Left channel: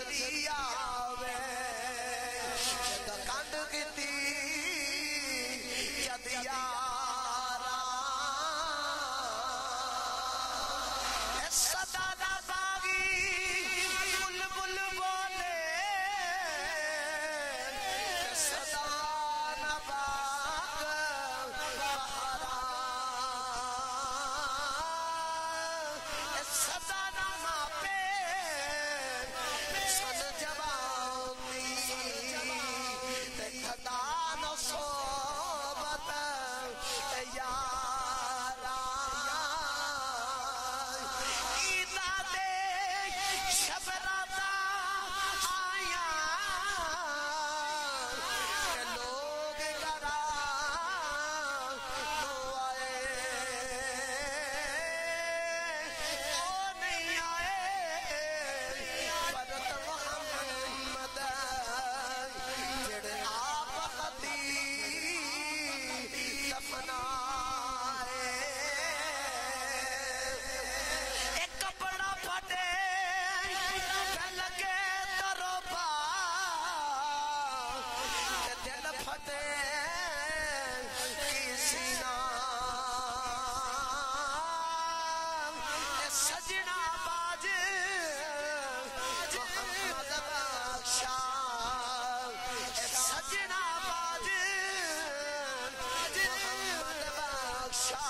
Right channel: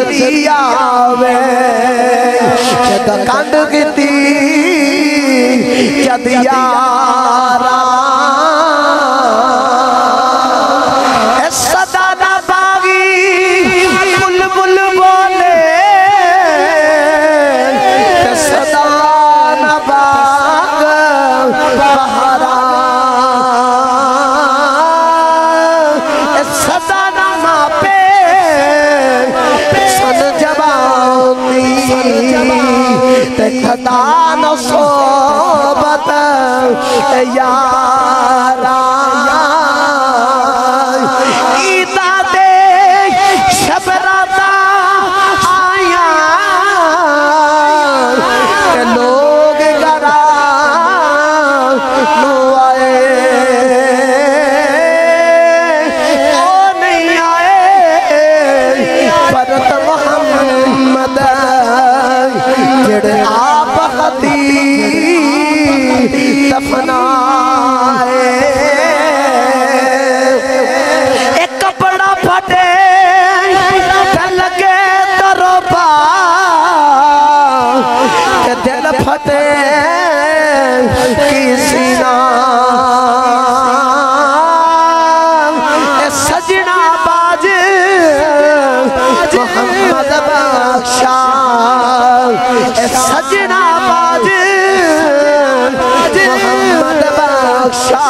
नजरिया वे जद कंड कीती जद यारा सदा ना बागी बुलबुल बोले सदा ना बाग बहारा सदा ना मापे सन जवानी खदा न सोबत यारा ईदा दे शबराता आया लोग गरा नो आए ओ नहीं आए परत मोहम्मद जेड़े आप खती दफनाए एक कपड़ा फटे लगे तरोबा दिल फटे किसी ना सजना बाज मोहम्मद बख्शा सजना बाज मोहम्मद बख्शा